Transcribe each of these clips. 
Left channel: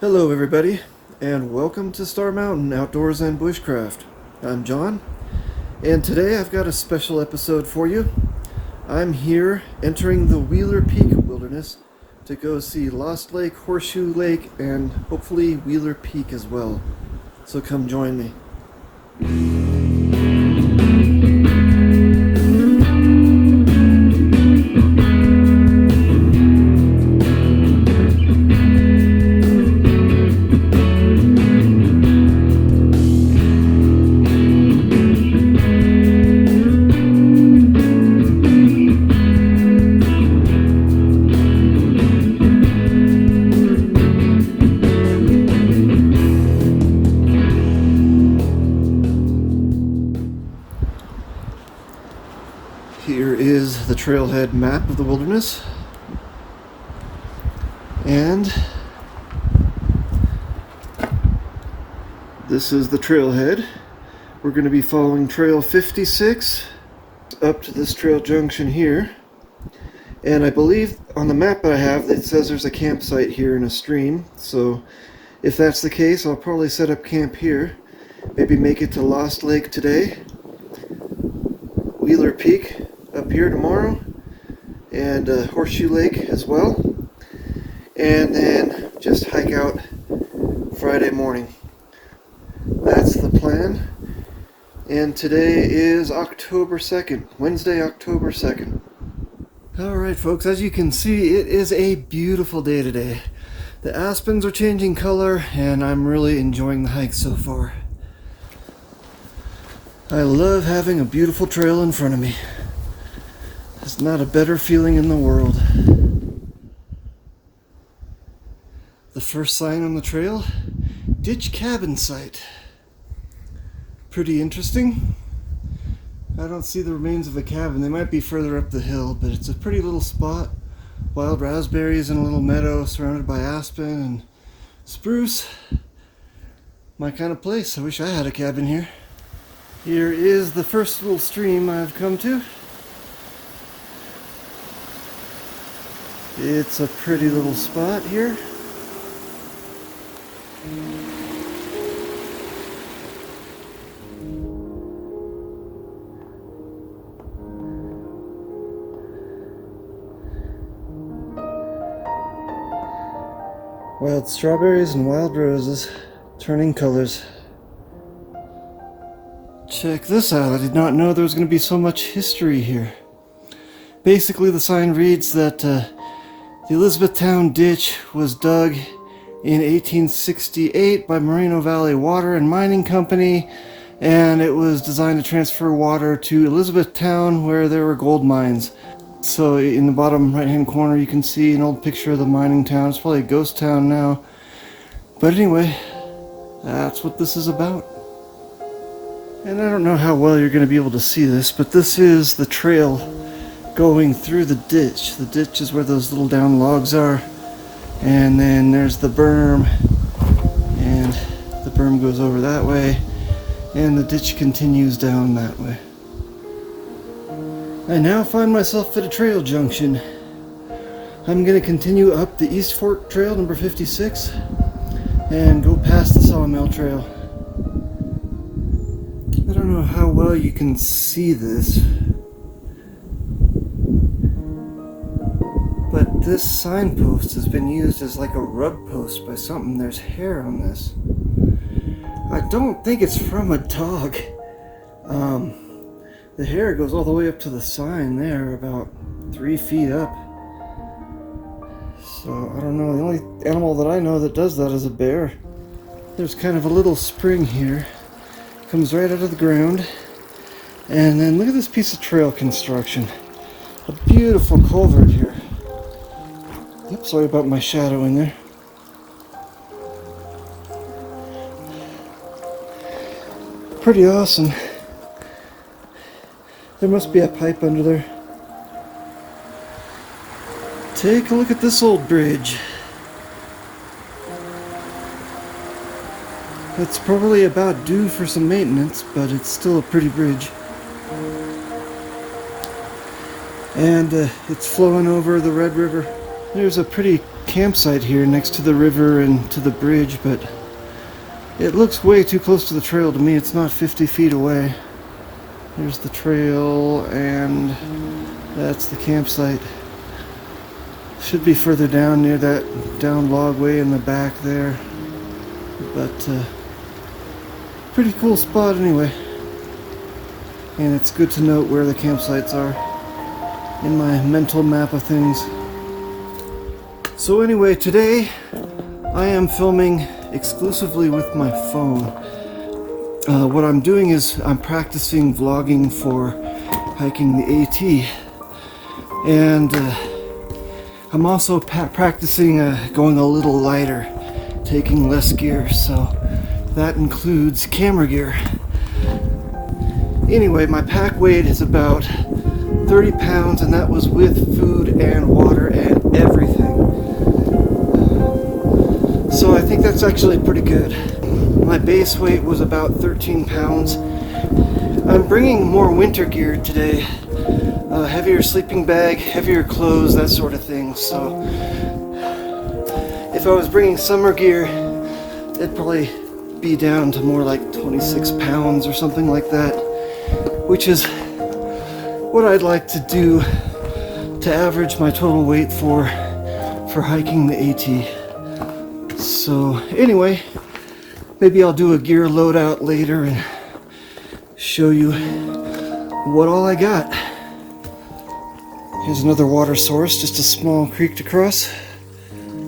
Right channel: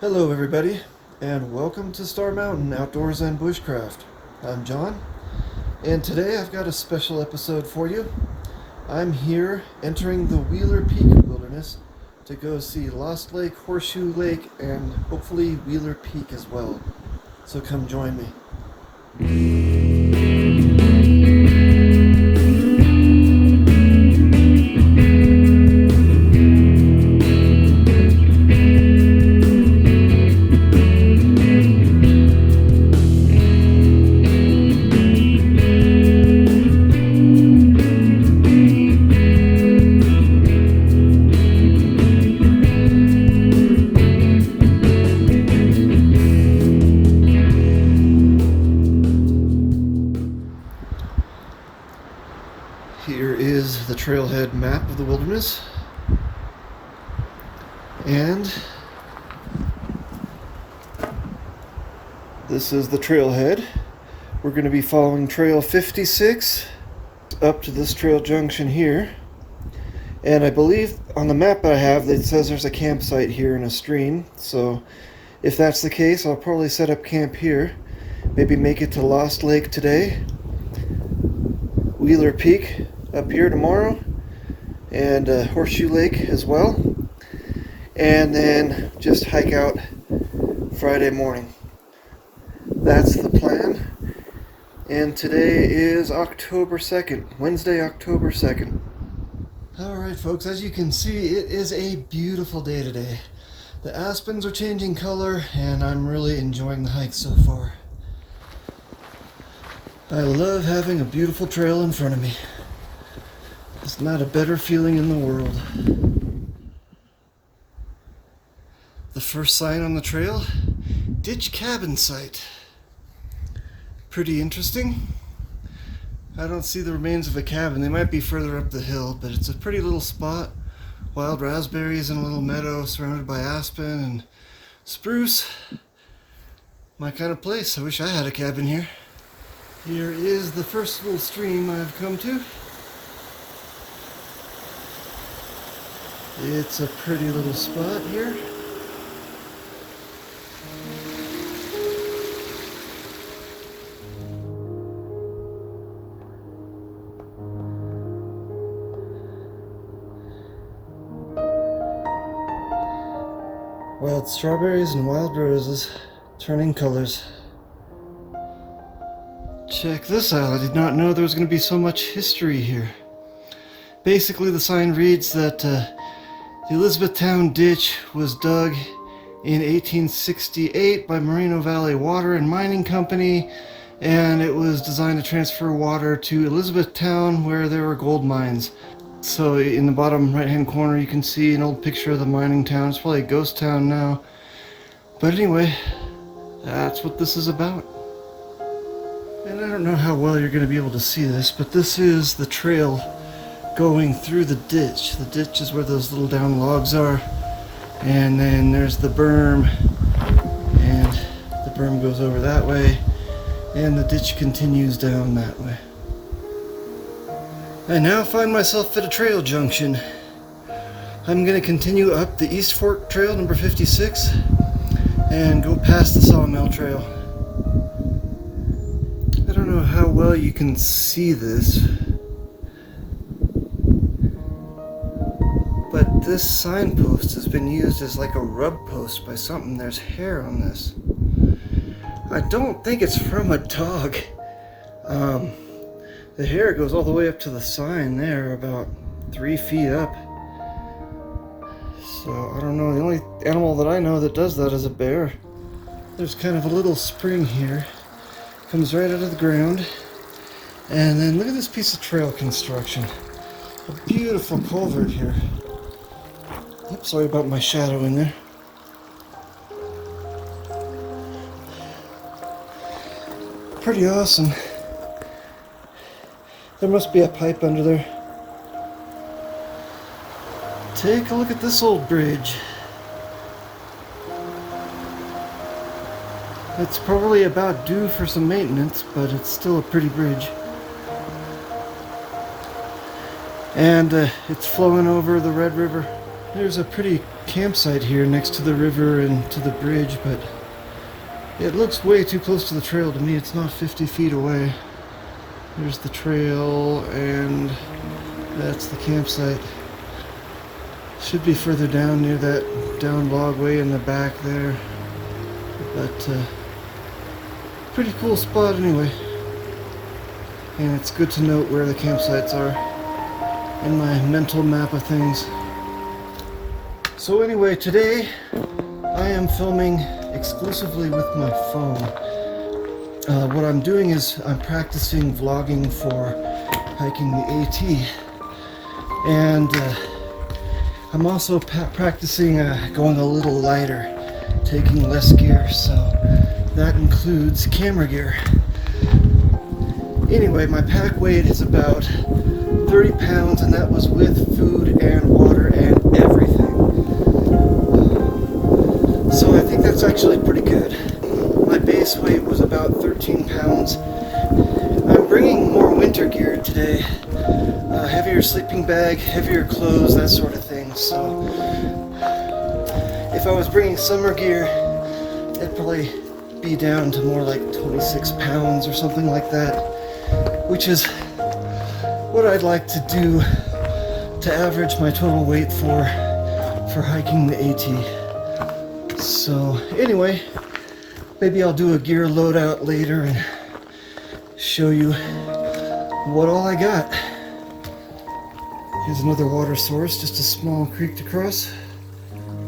Hello everybody, and welcome to Star Mountain Outdoors and Bushcraft. I'm John, and today I've got a special episode for you. I'm here entering the Wheeler Peak Wilderness to go see Lost Lake, Horseshoe Lake, and hopefully Wheeler Peak as well. So come join me. Here is the Trailhead Map of the wilderness, and this is the trailhead. We're going to be following Trail 56 up to this trail junction here, and I believe on the map I have it says there's a campsite here in a stream, so if that's the case I'll probably set up camp here, maybe make it to Lost Lake today, Wheeler Peak up here tomorrow, and Horseshoe Lake as well, and then just hike out Friday morning. That's the plan. And today is October 2nd, Wednesday, October 2nd. Alright folks, as you can see, it is a beautiful day today. The aspens are changing color, and I'm really enjoying the hike so far. I love having a beautiful trail in front of me. There's not a better feeling in the world. The first sign on the trail, ditch cabin site. Pretty interesting. I don't see the remains of a cabin. They might be further up the hill, but it's a pretty little spot. Wild raspberries in a little meadow surrounded by aspen and spruce. My kind of place. I wish I had a cabin here. Here is the first little stream I've come to. It's a pretty little spot here. Wild strawberries and wild roses turning colors. Check this out. I did not know there was going to be so much history here. Basically, the sign reads that the Elizabethtown Ditch was dug in 1868 by Moreno Valley Water and Mining Company, and it was designed to transfer water to Elizabethtown where there were gold mines. So in the bottom right hand corner you can see an old picture of the mining town. It's probably a ghost town now. But anyway, that's what this is about. And I don't know how well you're going to be able to see this, but this is the trail going through the ditch. The ditch is where those little down logs are, and then there's the berm, and the berm goes over that way, and the ditch continues down that way. I now find myself at a trail junction. I'm going to continue up the East Fork Trail number 56 and go past the Sawmill Trail. I don't know how well you can see this, but this signpost has been used as like a rub post by something. There's hair on this. I don't think it's from a dog. The hair goes all the way up to the sign there, about 3 feet up. So I don't know, the only animal that I know that does that is a bear. There's kind of a little spring here. Comes right out of the ground. And then look at this piece of trail construction. A beautiful culvert here. Oops, sorry about my shadow in there. Pretty awesome. There must be a pipe under there. Take a look at this old bridge. It's probably about due for some maintenance, but it's still a pretty bridge. And it's flowing over the Red River. There's a pretty campsite here next to the river and to the bridge, but it looks way too close to the trail to me. It's not 50 feet away. There's the trail, and that's the campsite. Should be further down near that down logway in the back there. But pretty cool spot anyway. And it's good to note where the campsites are in my mental map of things. So anyway, today I am filming exclusively with my phone. What I'm doing is I'm practicing vlogging for hiking the AT. And I'm also practicing going a little lighter, taking less gear, so that includes camera gear. Anyway, my pack weight is about 30 pounds, and that was with food and water and everything. So I think that's actually pretty good. My base weight was about 13 pounds. I'm bringing more winter gear today. Heavier sleeping bag, heavier clothes, that sort of thing. So if I was bringing summer gear, it'd probably be down to more like 26 pounds or something like that, which is what I'd like to do to average my total weight for hiking the AT. So anyway, maybe I'll do a gear loadout later and show you what all I got. Here's another water source, just a small creek to cross.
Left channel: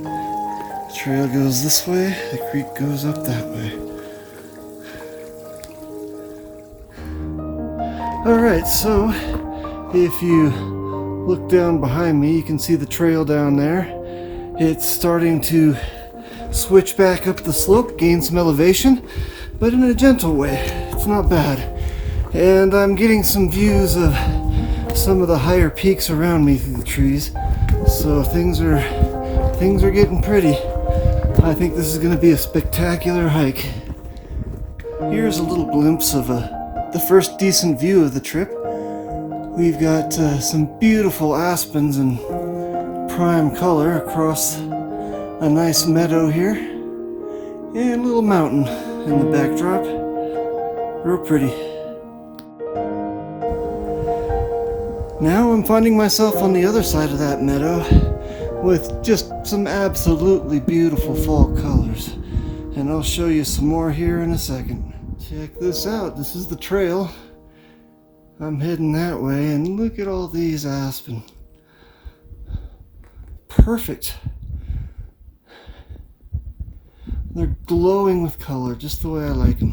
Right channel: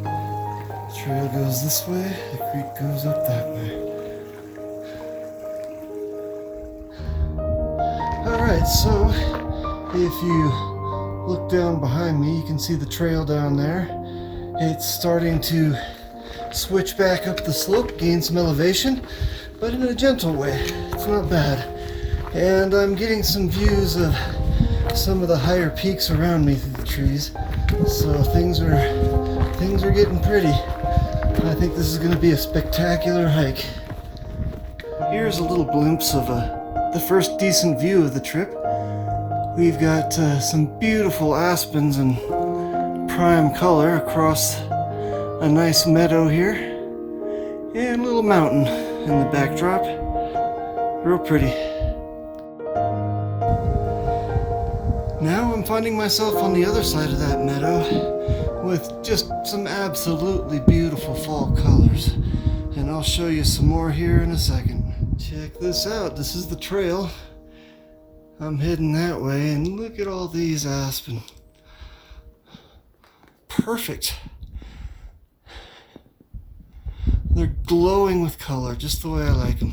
The trail goes this way, the creek goes up that way. Alright, so if you look down behind me, you can see the trail down there. It's starting to switch back up the slope, gain some elevation, but in a gentle way. It's not bad. And I'm getting some views of some of the higher peaks around me through the trees. So things are getting pretty. I think this is going to be a spectacular hike. Here's a little glimpse of the first decent view of the trip. We've got some beautiful aspens in prime color across a nice meadow here, and a little mountain in the backdrop. Real pretty. Now I'm finding myself on the other side of that meadow with just some absolutely beautiful fall colors, and I'll show you some more here in a second. Check this out. This is the trail. I'm heading that way, and look at all these aspen. Perfect. They're glowing with color, just the way I like them.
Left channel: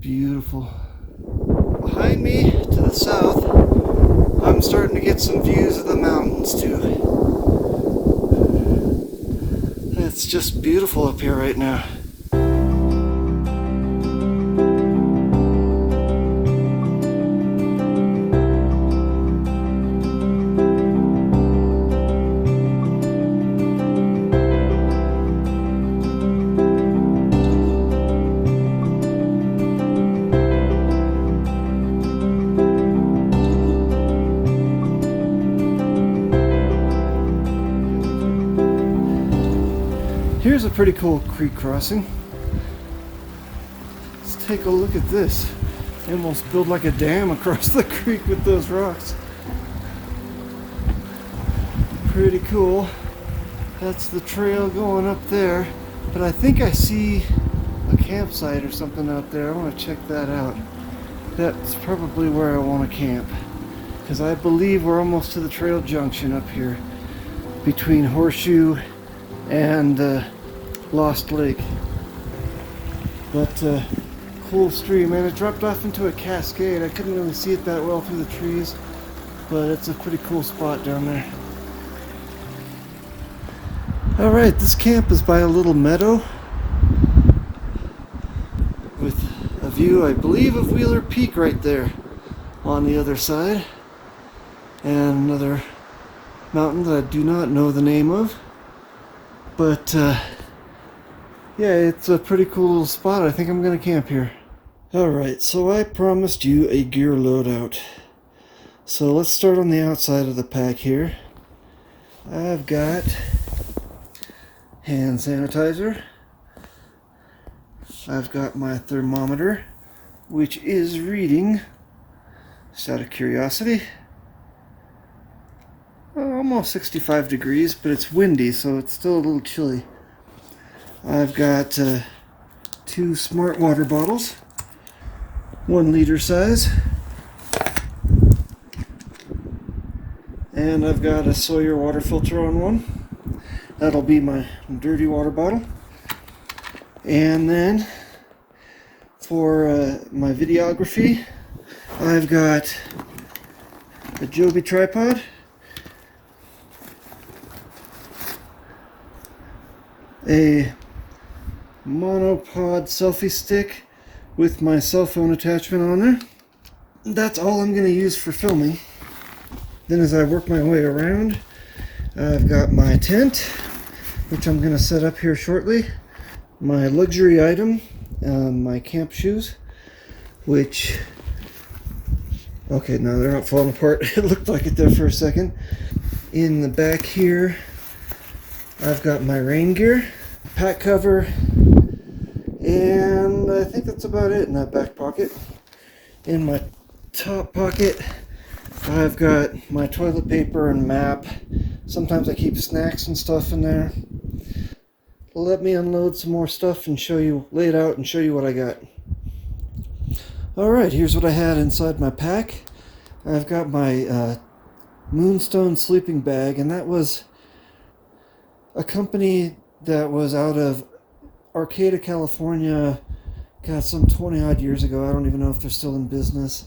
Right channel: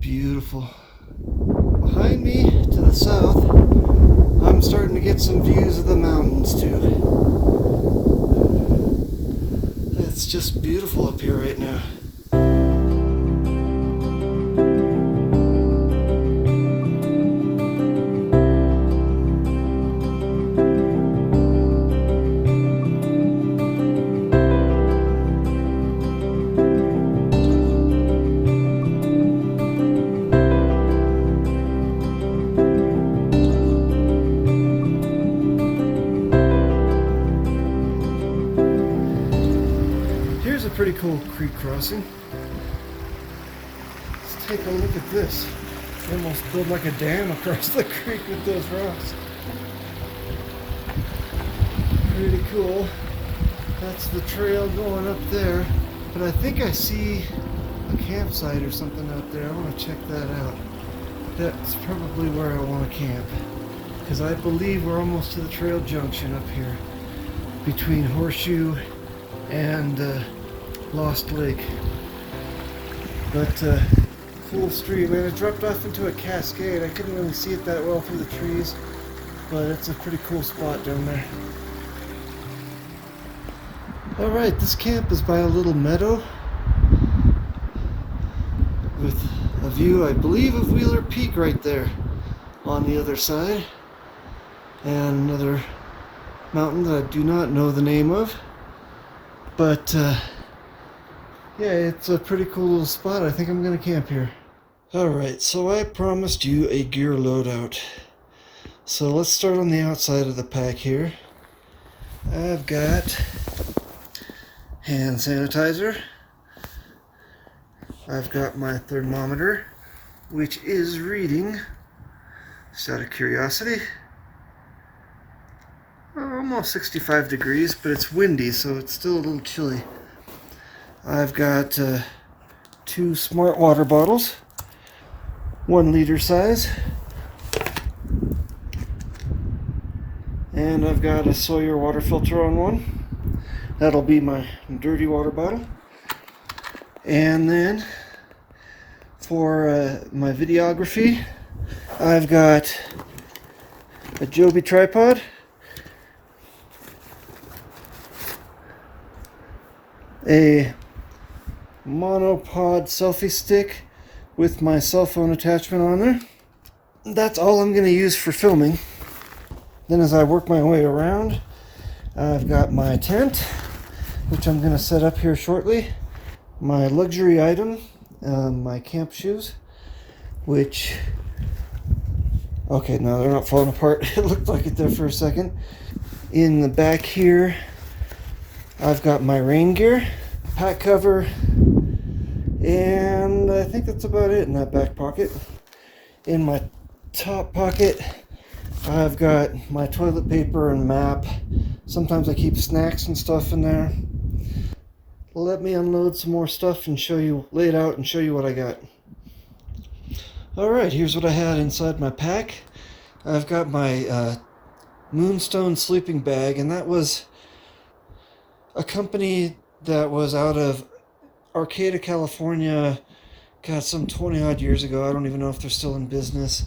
Beautiful. Behind me, to the south, I'm starting to get some views of the mountains too. It's just beautiful up here right now. Here's a pretty cool creek crossing. Let's take a look at this. They almost built like a dam across the creek with those rocks. Pretty cool. That's the trail going up there. But I think I see a campsite or something out there. I want to check that out. That's probably where I want to camp, because I believe we're almost to the trail junction up here between Horseshoe and Lost Lake. But cool stream, and it dropped off into a cascade. I couldn't really see it that well through the trees, but it's a pretty cool spot down there. Alright, this camp is by a little meadow with a view, I believe, of Wheeler Peak right there on the other side, and another mountain that I do not know the name of. But yeah, it's a pretty cool little spot. I think I'm gonna camp here. Alright, so I promised you a gear loadout. So let's start on the outside of the pack here. I've got hand sanitizer. I've got my thermometer, which is reading, just out of curiosity, almost 65 degrees, but it's windy, so it's still a little chilly. I've got 2 smart water bottles, 1 liter size, and I've got a Sawyer water filter on one. That'll be my dirty water bottle. And then for my videography, I've got a Joby tripod, a monopod selfie stick with my cell phone attachment on there. That's all I'm going to use for filming. Then as I work my way around, I've got my tent, which I'm going to set up here shortly. My luxury item, my camp shoes, which, okay, no, they're not falling apart. It looked like it there for a second. In the back here, I've got my rain gear, pack cover, and I think that's about it in that back pocket. In my top pocket, I've got my toilet paper and map. Sometimes I keep snacks and stuff in there. Let me unload some more stuff and show you, lay it out and show you what I got. Alright, here's what I had inside my pack. I've got my Moonstone Sleeping Bag, and that was a company that was out of Arcata, California, God, some 20 odd years ago. I don't even know if they're still in business,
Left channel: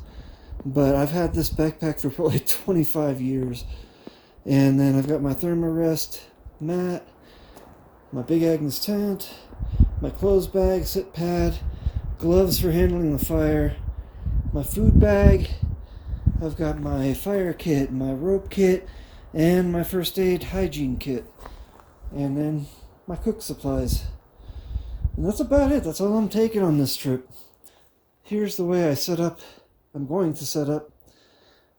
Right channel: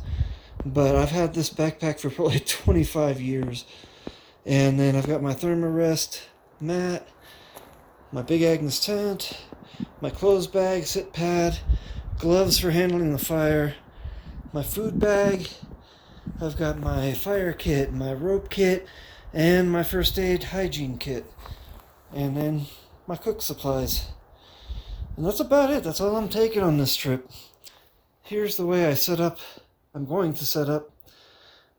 but I've had this backpack for probably 25 years. And then I've got my Thermarest mat, my Big Agnes tent, my clothes bag, sit pad, gloves for handling the fire, my food bag. I've got my fire kit, my rope kit, and my first aid hygiene kit. And then my cook supplies. And that's about it. That's all I'm taking on this trip. Here's the way I set up. I'm going to set up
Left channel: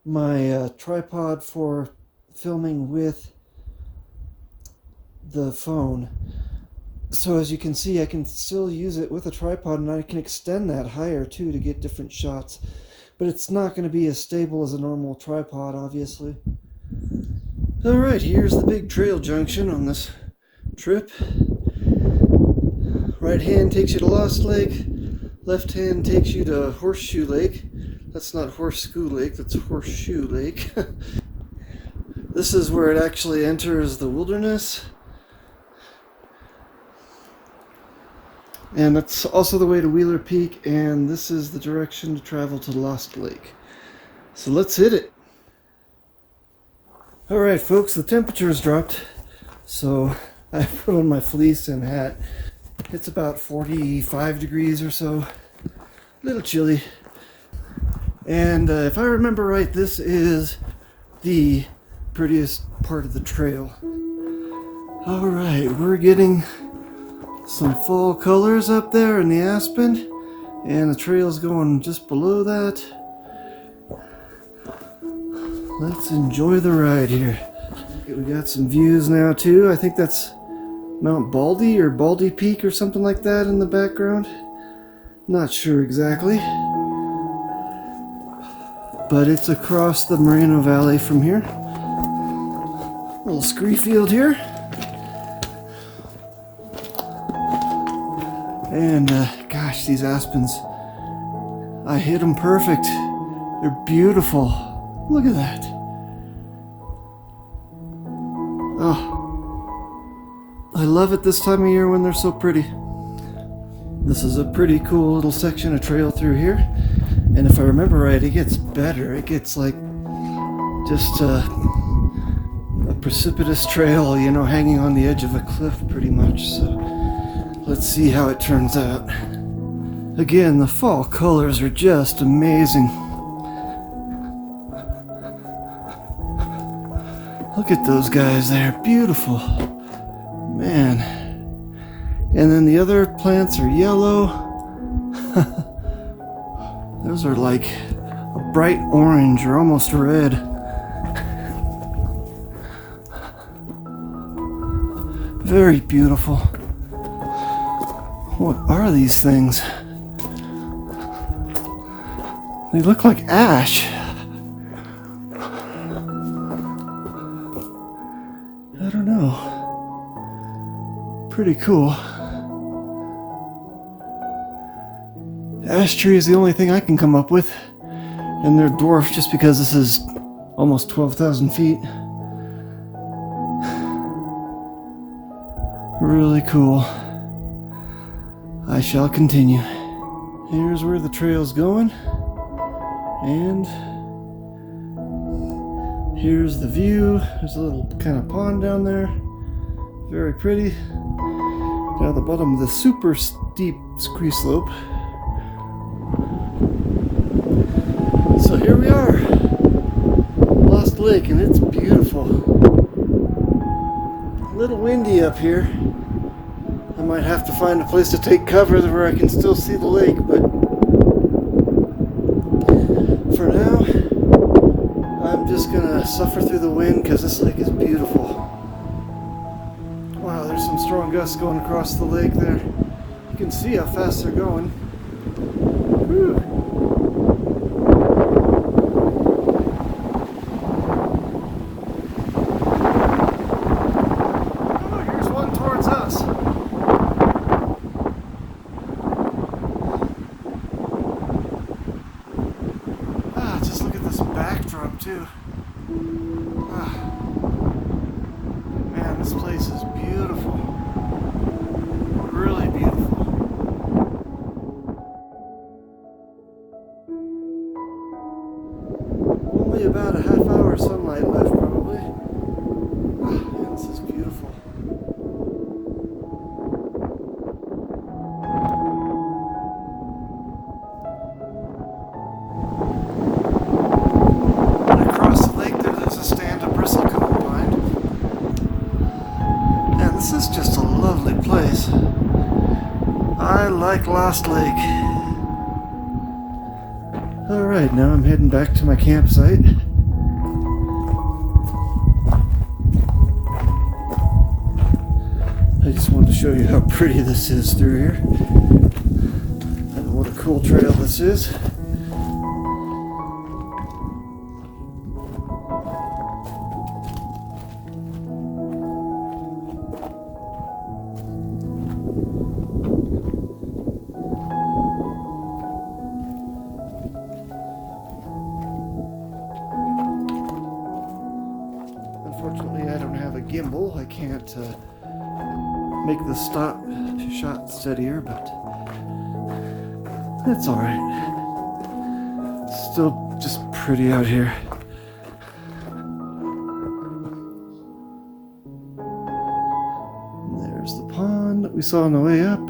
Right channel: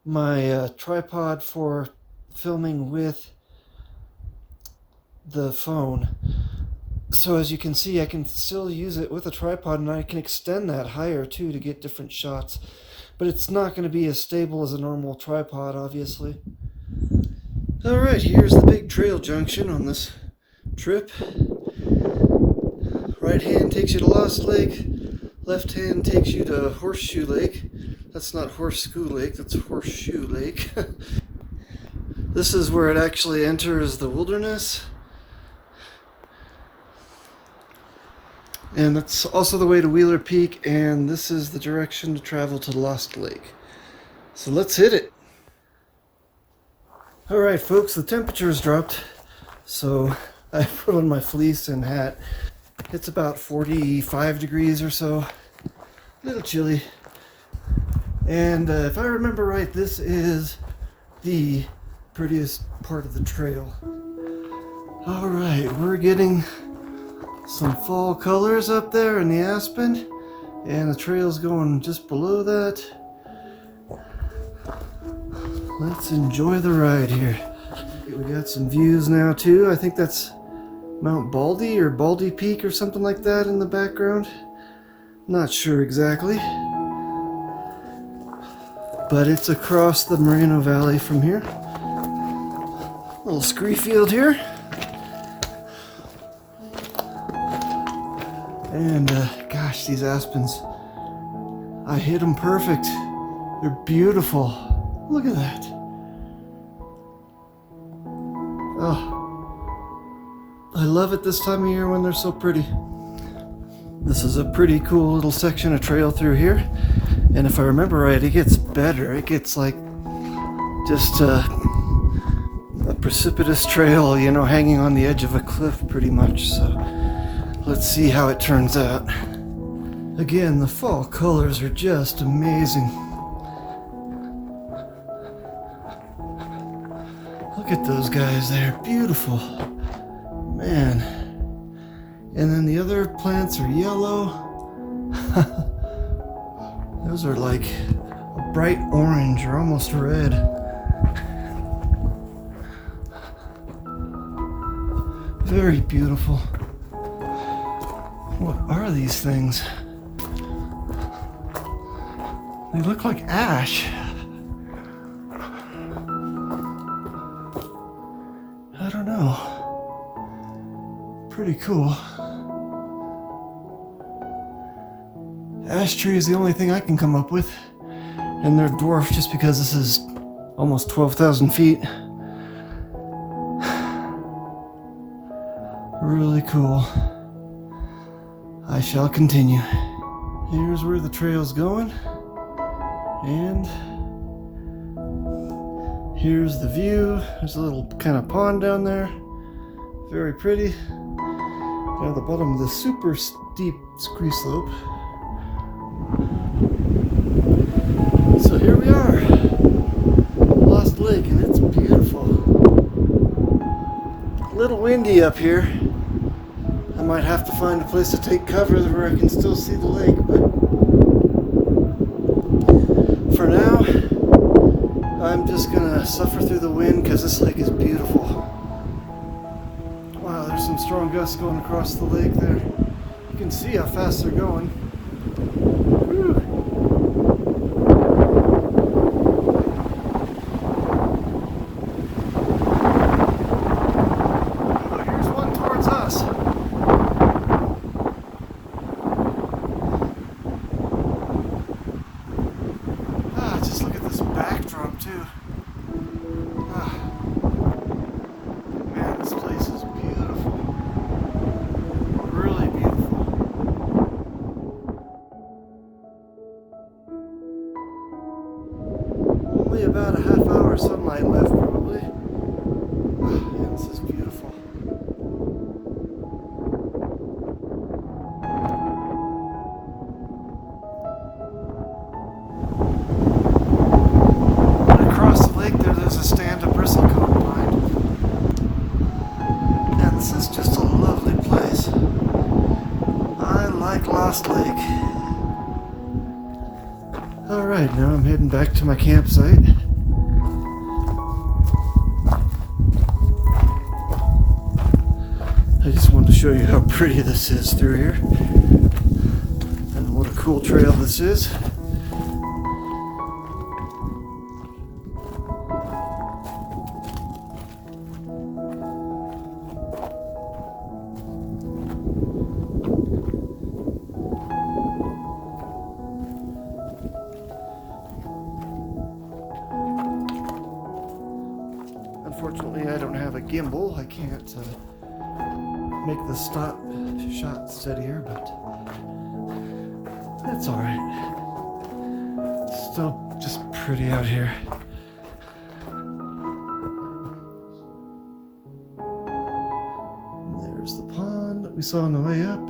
my tripod for filming with the phone. So as you can see, I can still use it with a tripod, and I can extend that higher too to get different shots. But it's not going to be as stable as a normal tripod, obviously. Alright, here's the big trail junction on this trip. Right hand takes you to Lost Lake, left hand takes you to Horseshoe Lake. That's not Horseshoe Lake, that's Horseshoe Lake. This is where it actually enters the Widerness. And that's also the way to Wheeler Peak, and this is the direction to travel to Lost Lake. So let's hit it. Alright folks, the temperature has dropped, so I put on my fleece and hat. It's about 45 degrees or so, a little chilly. And if I remember right, this is the prettiest part of the trail. Alright, we're getting some fall colors up there in the aspen, and the trail's going just below that. Let's enjoy the ride here. We got some views now too. I think that's Mount Baldy or Baldy Peak or something like that in the background. Not sure exactly, but it's across the Moreno Valley from here. Little scree field here. And gosh, these aspens, I hit them perfect. They're beautiful. Look at that. Oh, I love it this time of year when they're so pretty. This is a pretty cool little section of trail through here. And if I remember right, it gets better. It gets like just a precipitous trail, you know, hanging on the edge of a cliff pretty much. So let's see how it turns out. Again, the fall colors are just amazing. Look at those guys there, beautiful. Man. And then the other plants are yellow. Those are like a bright orange or almost red. Very beautiful. What are these things? They look like ash. I don't know. Pretty cool. Ash tree is the only thing I can come up with. And they're dwarfed just because this is almost 12,000 feet. Really cool. I shall continue. Here's where the trail's going. And here's the view. There's a little kind of pond down there. Very pretty. Down at the bottom of the super steep ski slope. So here we are. Lost Lake, and it's beautiful. A little windy up here. I might have to find a place to take cover where I can still see the lake, but for now, I'm just gonna suffer through the wind because this lake is beautiful. Wow, there's some strong gusts going across the lake there. You can see how fast they're going. Whew. Oh, here's one towards us. Just look at this backdrop too. Man, this place is beautiful. Really beautiful. Only about a half hour sunlight left probably. Man, this is beautiful. Across the lake there's a stand of bristlecone pine. And this is just a lovely place. I like Lost Lake. Alright, now I'm heading back to my campsite. I just wanted to show you how pretty this is through here. And what a cool trail this is. Unfortunately, I don't have a gimbal. I can't make the shot steadier, but that's alright. Still just pretty out here. And there's the pond that we saw on the way up.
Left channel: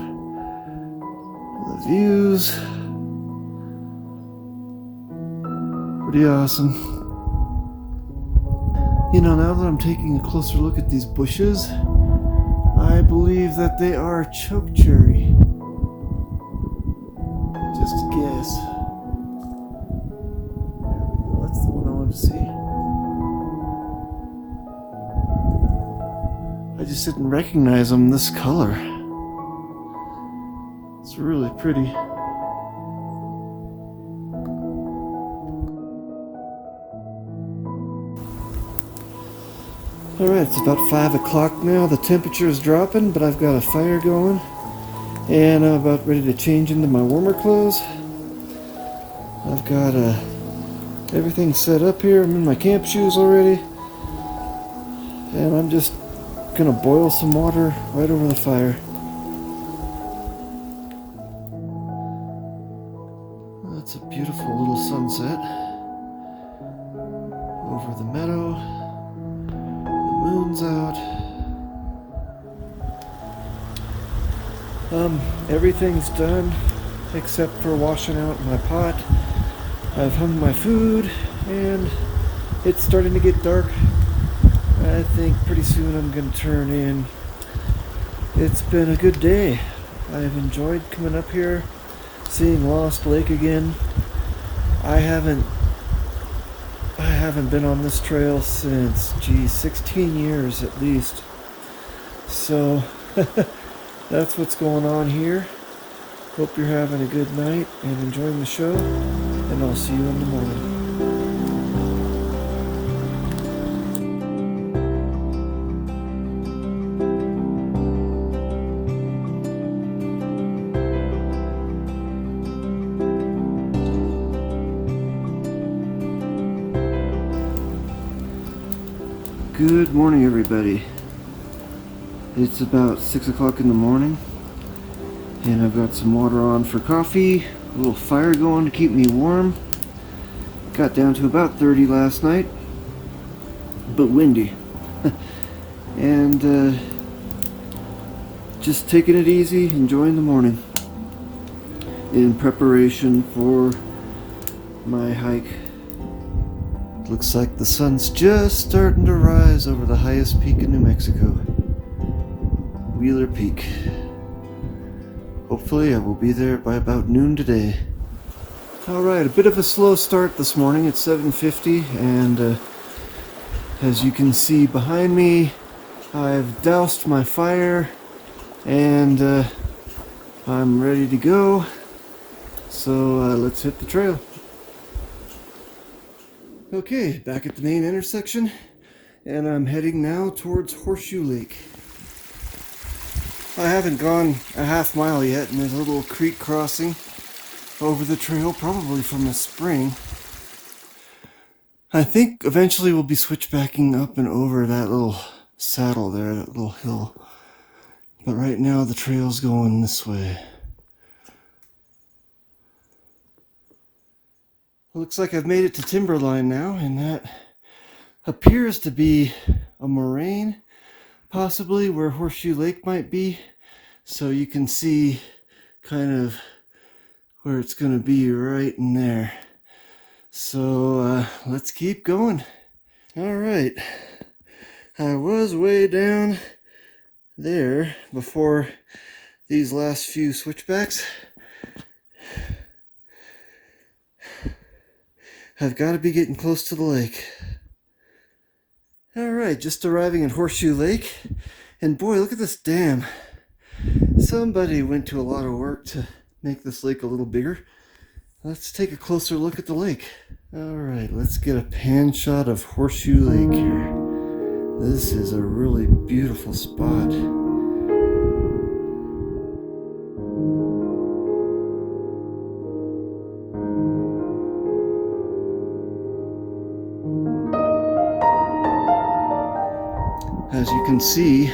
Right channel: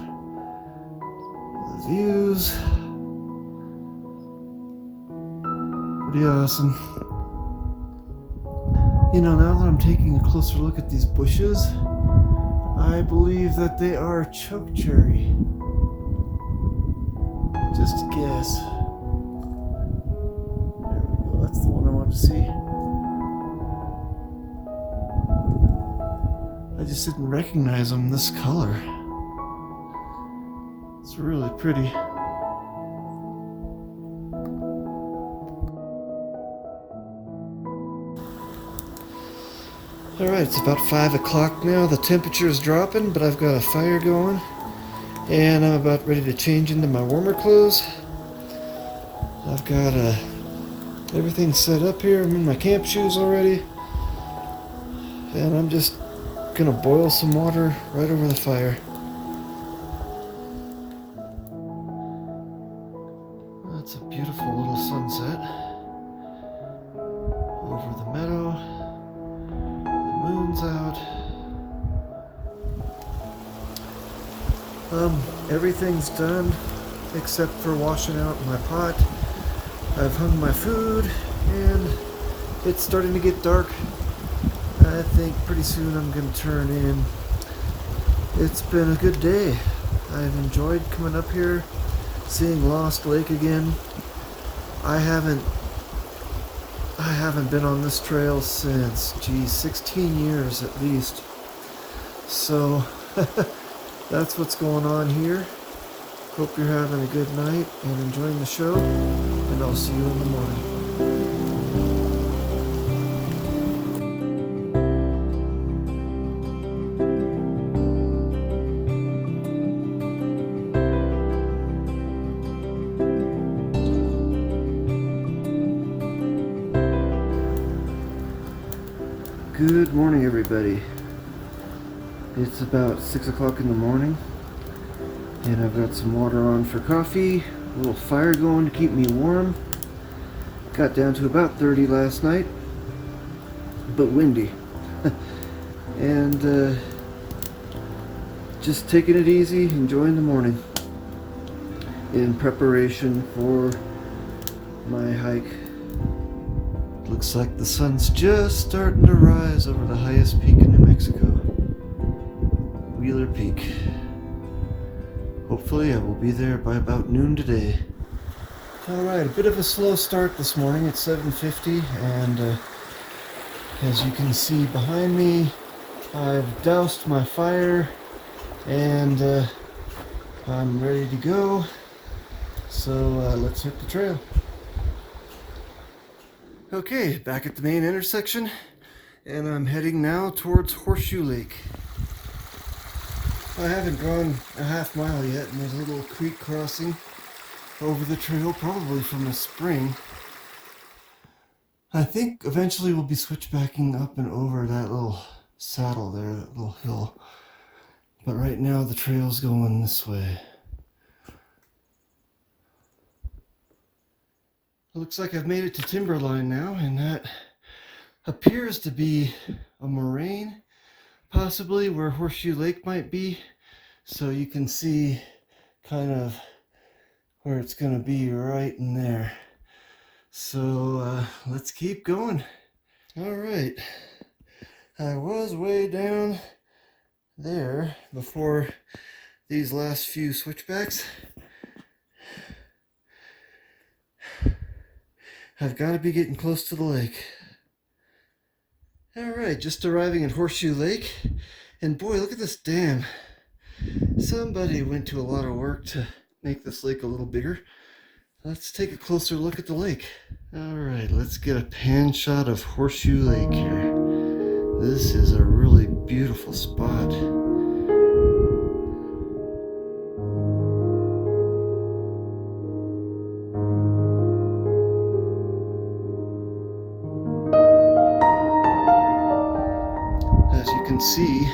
The views. Pretty awesome. You know, now that I'm taking a closer look at these bushes, I believe that they are chokecherry. Just a guess. There we go, that's the one I wanted to see. I just didn't recognize them this color. It's really pretty. Alright, it's about 5 o'clock now. The temperature is dropping, but I've got a fire going. And I'm about ready to change into my warmer clothes. I've got everything set up here. I'm in my camp shoes already. And I'm just gonna boil some water right over the fire. That's a beautiful little sunset over the meadow. Moon's out. Everything's done except for washing out my pot. I've hung my food and it's starting to get dark. I think pretty soon I'm gonna turn in. It's been a good day. I've enjoyed coming up here, seeing Lost Lake again. I haven't been on this trail since, 16 years at least. So that's what's going on here. Hope you're having a good night and enjoying the show, and I'll see you in the morning. Good morning, everybody. It's about 6 o'clock in the morning, and I've got some water on for coffee, a little fire going to keep me warm. Got down to about 30 last night, but windy. And just taking it easy, enjoying the morning in preparation for my hike. Looks like the sun's just starting to rise over the highest peak in New Mexico, Wheeler Peak. Hopefully I will be there by about noon today. Alright, a bit of a slow start this morning. It's 7:50, and as you can see behind me, I've doused my fire and I'm ready to go. So let's hit the trail. Okay, back at the main intersection, and I'm heading now towards Horseshoe Lake. I haven't gone a half mile yet, and there's a little creek crossing over the trail, probably from a spring. I think eventually we'll be switchbacking up and over that little saddle there, that little hill. But right now the trail's going this way. Looks like I've made it to Timberline now, and that appears to be a moraine, possibly where Horseshoe Lake might be. So you can see kind of where it's going to be right in there. So let's keep going. All right, I was way down there before these last few switchbacks. I've got to be getting close to the lake. Alright, just arriving at Horseshoe Lake. And boy, look at this dam. Somebody went to a lot of work to make this lake a little bigger. Let's take a closer look at the lake. Alright, let's get a pan shot of Horseshoe Lake here. This is a really beautiful spot. As you can see,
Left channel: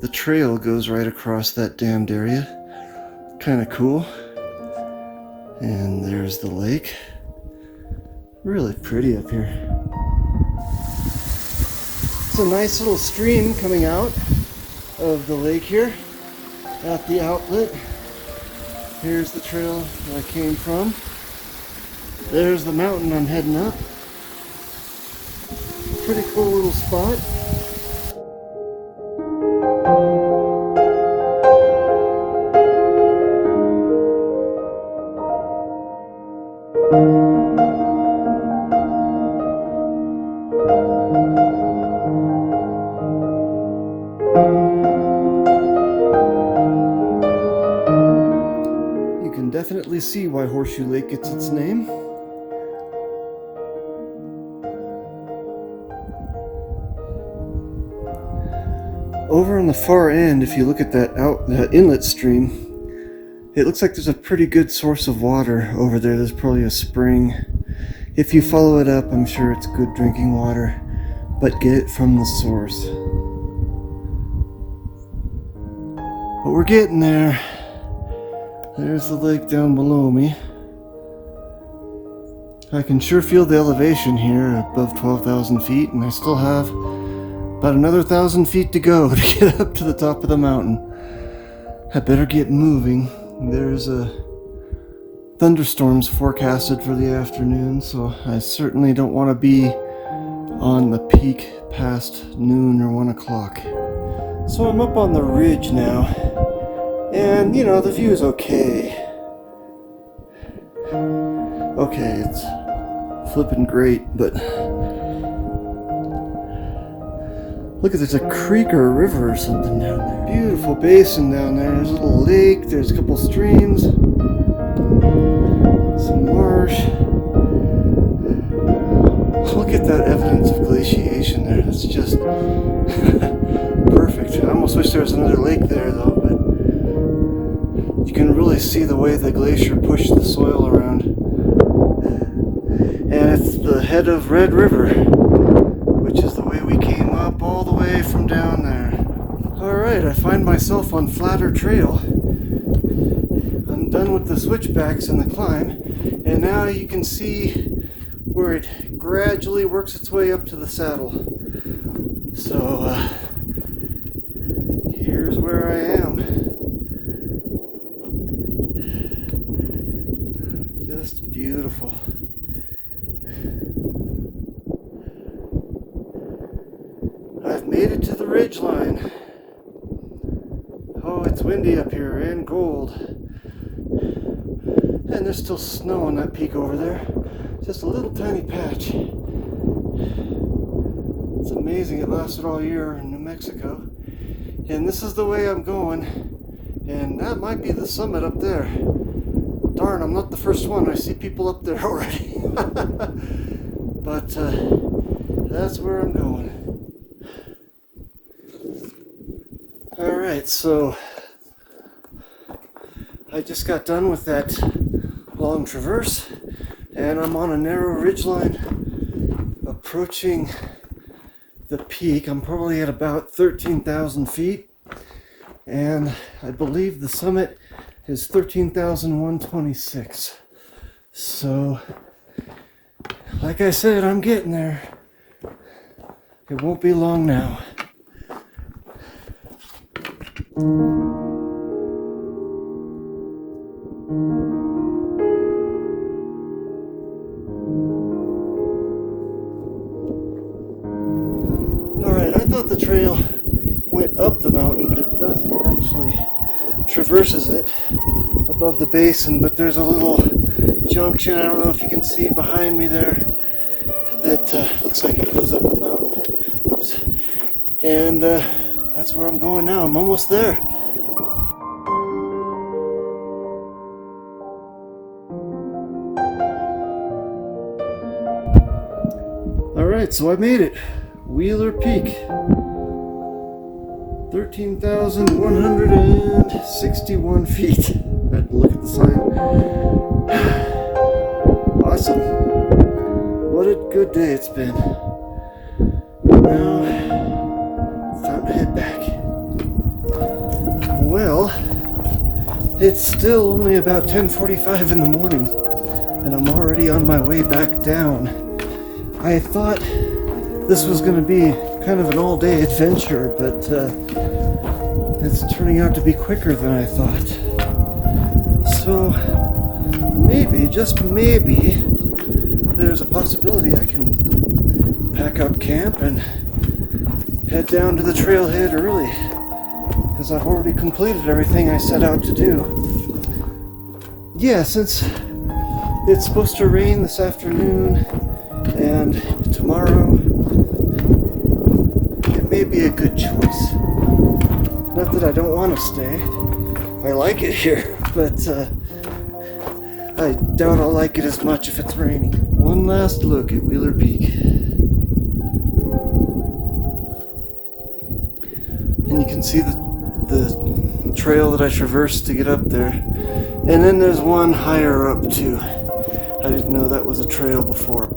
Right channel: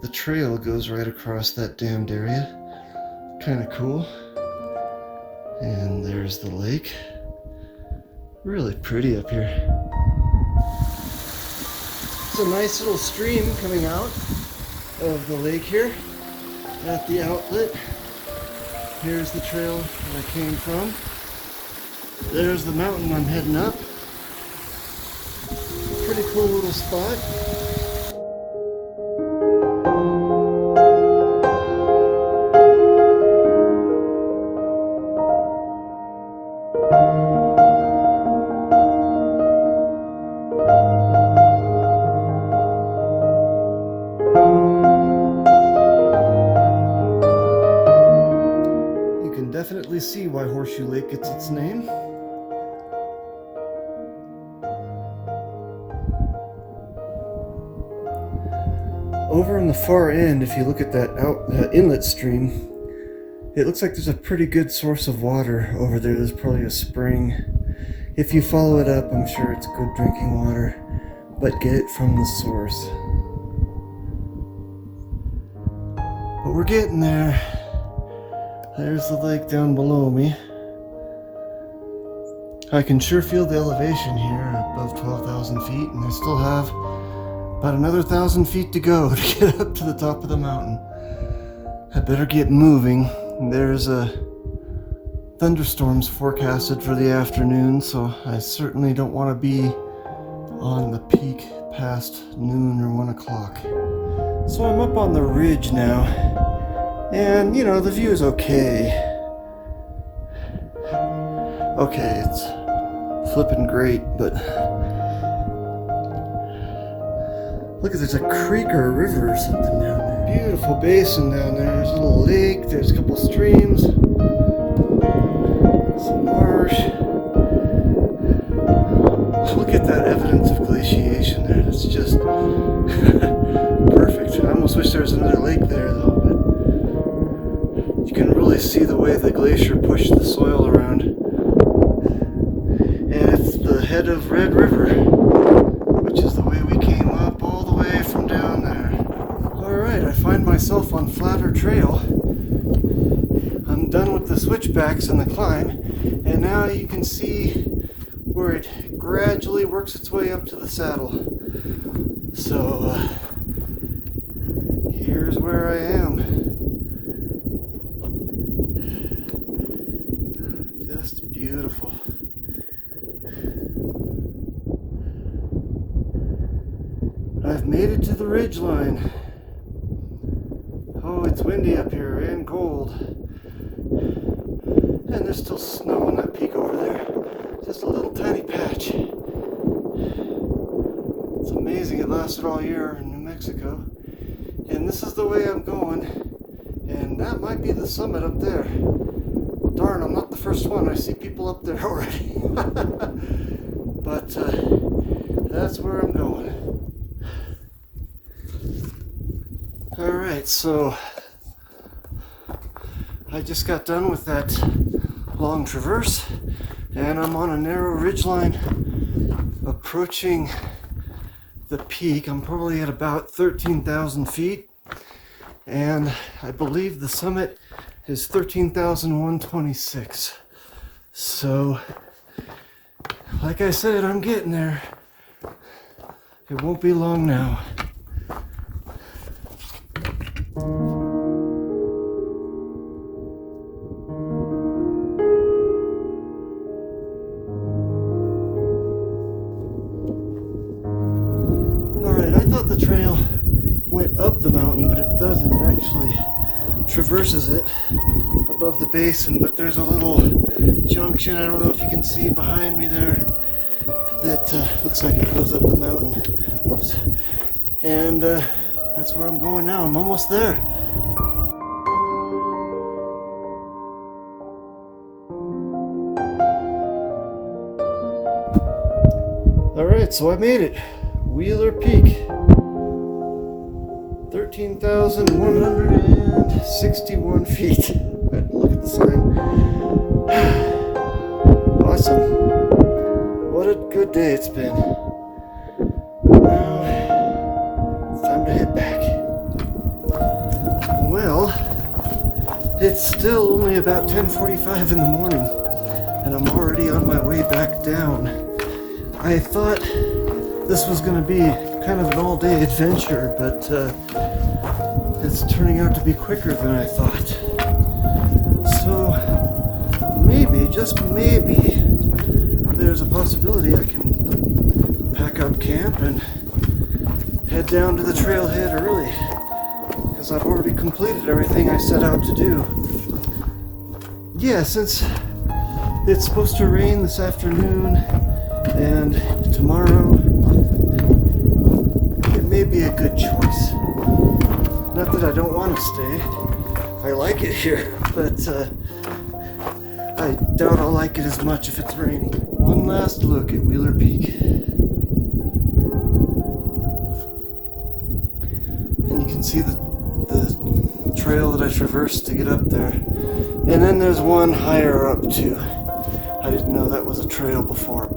the trail goes right across that dammed area. Kind of cool. And there's the lake. Really pretty up here. It's a nice little stream coming out of the lake here at the outlet. Here's the trail that I came from. There's the mountain I'm heading up. Pretty cool little spot. You can definitely see why Horseshoe Lake gets its name. Over on the far end, if you look at that inlet stream, it looks like there's a pretty good source of water over there. There's probably a spring. If you follow it up, I'm sure it's good drinking water, but get it from the source. But we're getting there. There's the lake down below me. I can sure feel the elevation here above 12,000 feet, and I still have about another 1,000 feet to go to get up to the top of the mountain. I better get moving. There's thunderstorms forecasted for the afternoon, so I certainly don't want to be on the peak past noon or 1 o'clock. So I'm up on the ridge now, and you know, the view is okay. Okay, it's flipping great, but Look at, there's a creek or a river or something down there. Beautiful basin down there. There's a little lake. There's a couple streams. Some marsh. Look at that evidence of glaciation there. That's just perfect. I almost wish there was another lake there though, but you can really see the way the glacier pushed the soil around. And it's the head of Red River, which is the way we came up all the way from down there. Alright, I find myself on flatter trail. I'm done with the switchbacks and the climb, and now you can see where it gradually works its way up to the saddle. So here's where I am. Just beautiful. I've made it to the ridgeline. Oh, it's windy up here and cold. And there's still snow on that peak over there. Just a little tiny patch. It's amazing it lasted all year in New Mexico. And this is the way I'm going. And that might be the summit up there. Darn, I'm not the first one. I see people up there already. But that's where I'm going. Alright, so I just got done with that long traverse, and I'm on a narrow ridgeline approaching the peak. I'm probably at about 13,000 feet, and I believe the summit is 13,126. So, like I said, I'm getting there. It won't be long now. Alright, I thought the trail went up the mountain, but it doesn't. It actually traverses it above the basin, but there's a little junction, I don't know if you can see behind me there, that looks like it goes up the mountain. Whoops. And that's where I'm going now. I'm almost there. Alright, so I made it. Wheeler Peak. 13,161 feet. I had to look at the sign. Awesome. What a good day it's been. Now, it's time to head back. Well, it's still only about 10:45 in the morning, and I'm already on my way back down. I thought this was going to be kind of an all-day adventure, but it's turning out to be quicker than I thought. So maybe, just maybe, there's a possibility I can pack up camp and head down to the trailhead early, because I've already completed everything I set out to do. Yeah, since it's supposed to rain this afternoon and tomorrow, it may be a good choice. Not that I don't want to stay. I like it here, but I doubt I'll like it as much if it's raining. One last look at Wheeler Peak. And you can see the trail that I traversed to get up there. And then there's one higher up too. I didn't know that was a trail before.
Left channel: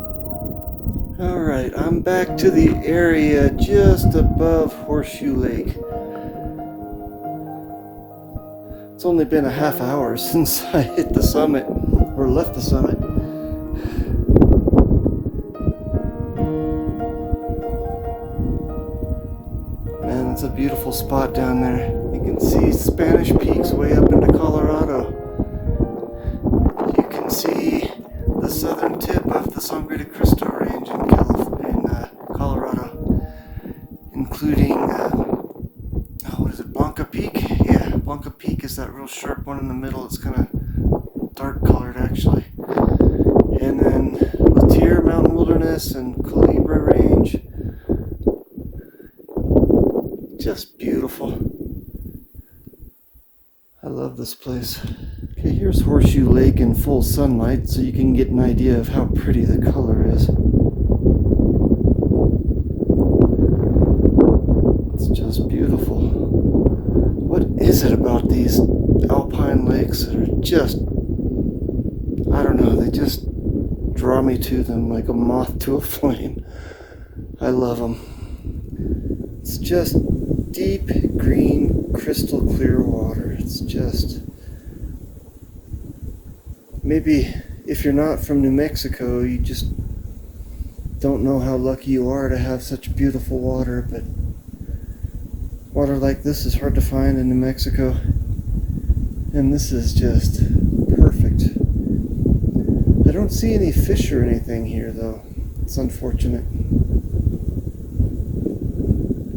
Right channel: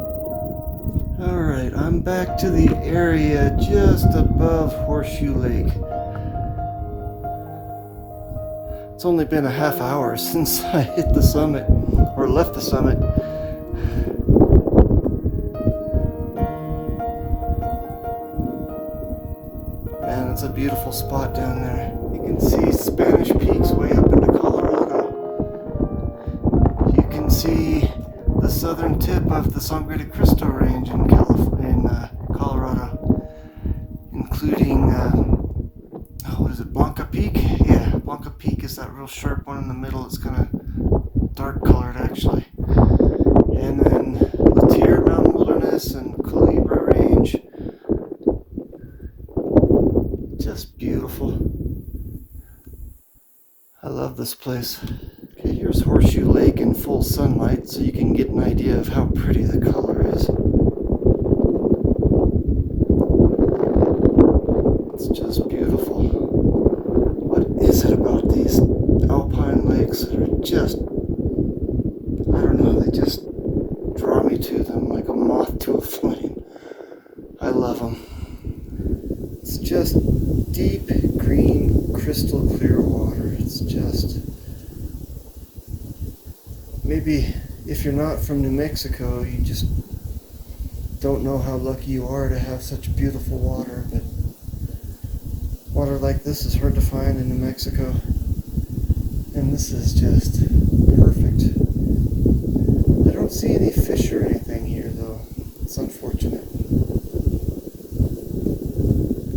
Alright, I'm back to the area just above Horseshoe Lake. It's only been a half hour since I hit the summit, or left the summit. Man, it's a beautiful spot down there. You can see Spanish Peaks way up into Colorado. You can see the southern tip of the Sangre de Cristo Range in Colorado, including what is it, Blanca Peak? Yeah, Blanca Peak is that real sharp one in the middle. It's kind of dark colored actually. And then Latier Mountain Wilderness and Culebra Range. Just beautiful. I love this place. Okay, here's Horseshoe Lake in full sunlight so you can get an idea of how pretty the color is. It's just beautiful. What is it about these alpine lakes that are just, I don't know, they just draw me to them like a moth to a flame. I love them. It's just deep green, crystal clear water. It's just, maybe if you're not from New Mexico, you just don't know how lucky you are to have such beautiful water, but water like this is hard to find in New Mexico, and this is just perfect. I don't see any fish or anything here though. It's unfortunate.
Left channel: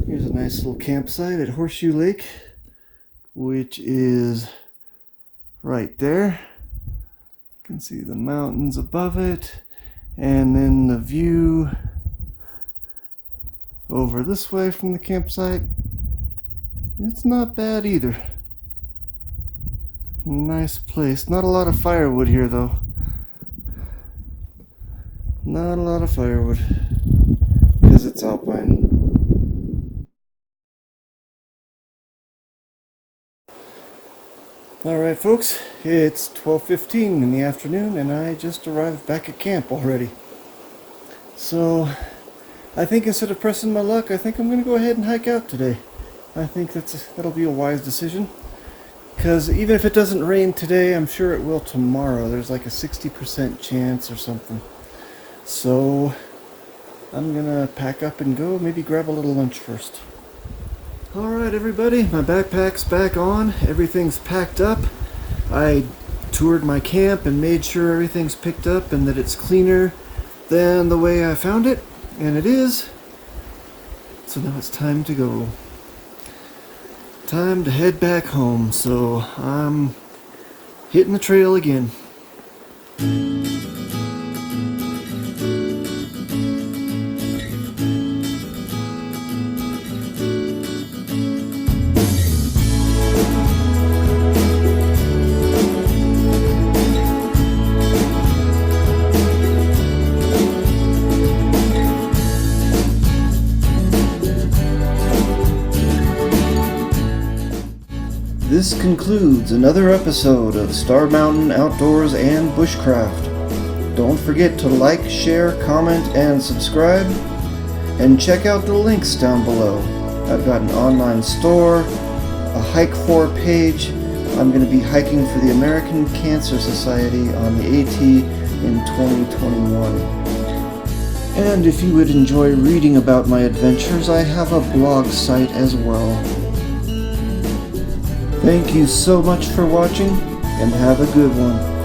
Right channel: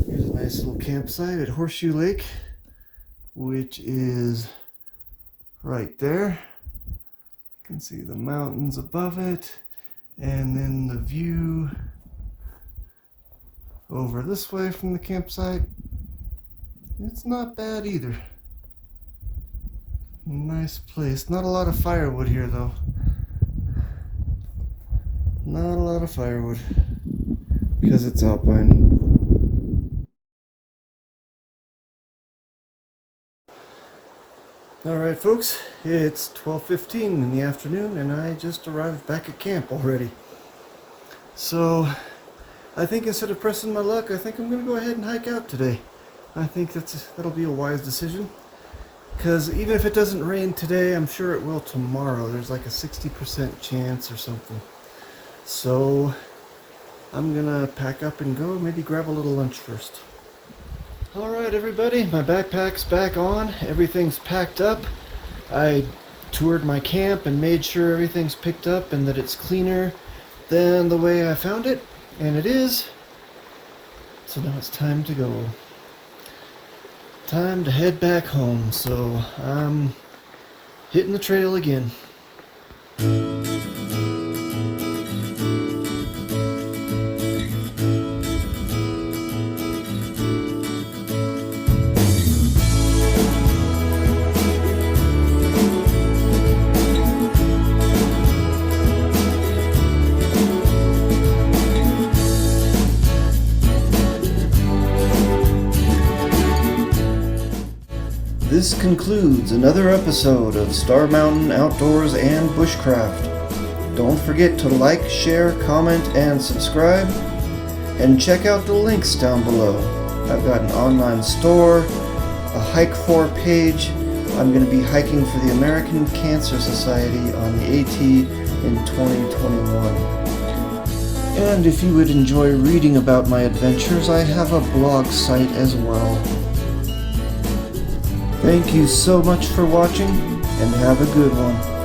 Here's a nice little campsite at Horseshoe Lake, which is right there. You can see the mountains above it, and then the view over this way from the campsite. It's not bad either. Nice place. Not a lot of firewood here though. Not a lot of firewood because it's alpine. Alright folks, it's 12:15 in the afternoon and I just arrived back at camp already. So I think instead of pressing my luck, I think I'm going to go ahead and hike out today. I think that'll be a wise decision. Because even if it doesn't rain today, I'm sure it will tomorrow. There's like a 60% chance or something. So I'm going to pack up and go, maybe grab a little lunch first. Alright everybody, my backpack's back on, everything's packed up. I toured my camp and made sure everything's picked up and that it's cleaner than the way I found it, and it is. So now it's time to go. Time to head back home, so I'm hitting the trail again. This concludes another episode of Star Mountain Outdoors and Bushcraft. Don't forget to like, share, comment, and subscribe. And check out the links down below. I've got an online store, a Hike For page. I'm going to be hiking for the American Cancer Society on the AT in 2021. And if you would enjoy reading about my adventures, I have a blog site as well. Thank you so much for watching, and have a good one.